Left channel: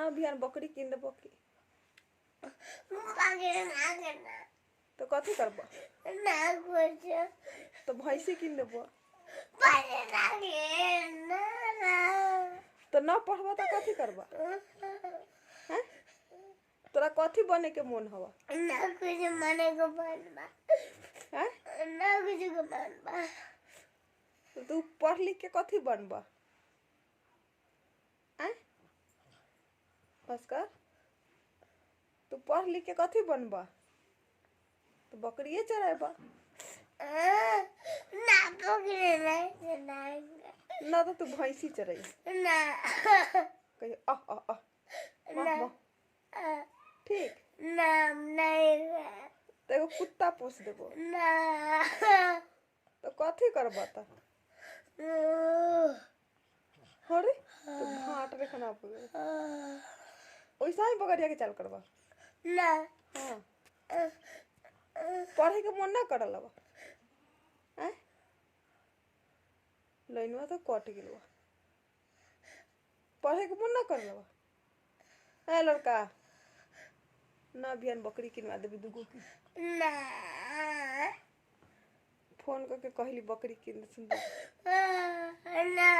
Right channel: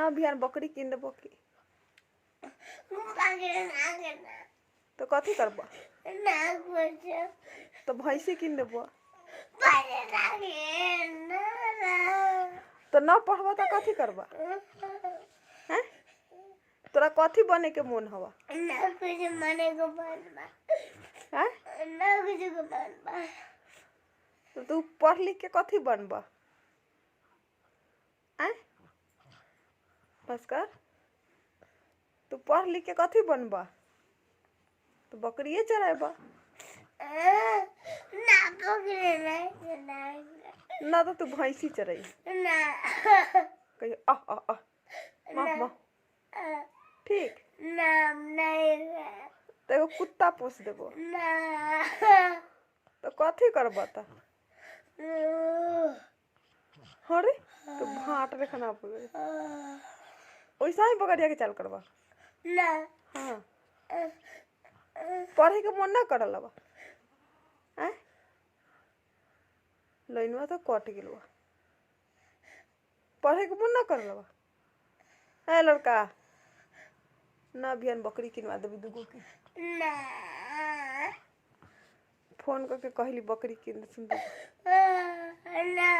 ना बिहान बकरी किन देबो की तो कथी करबो तो भैंसी किन देबो तो ना पढ़बो तो कथी करबो हैं तोरा कथी बने के मन हवा ना कुछ मने को बनबा हैं ना कुछ को बनबा तो तू पढ़ लिख के कथी बनबा हैं भास्कर तू पढ़ लिख के कथी बनबा तो बकरिए चराबा ना पकड़े ना तो तू भैंसी चराई ना कहिए माँ ठीक नाम नहीं तो एगो कुत्ता पोस देबो ना तो कथी करबा तो अरे तो भाट रे खाना पड़े वैसा ही बकरिया के चाल करबा ना हाँ पढ़े के मन ना करल बा हैं लाइनवा तो कट गेल बा पढ़े के मन ना करल बा ए लड़का ना बिहान बकरी किनवा देबी दुगो के ना फोन करके कहली बकरी किन सुन ना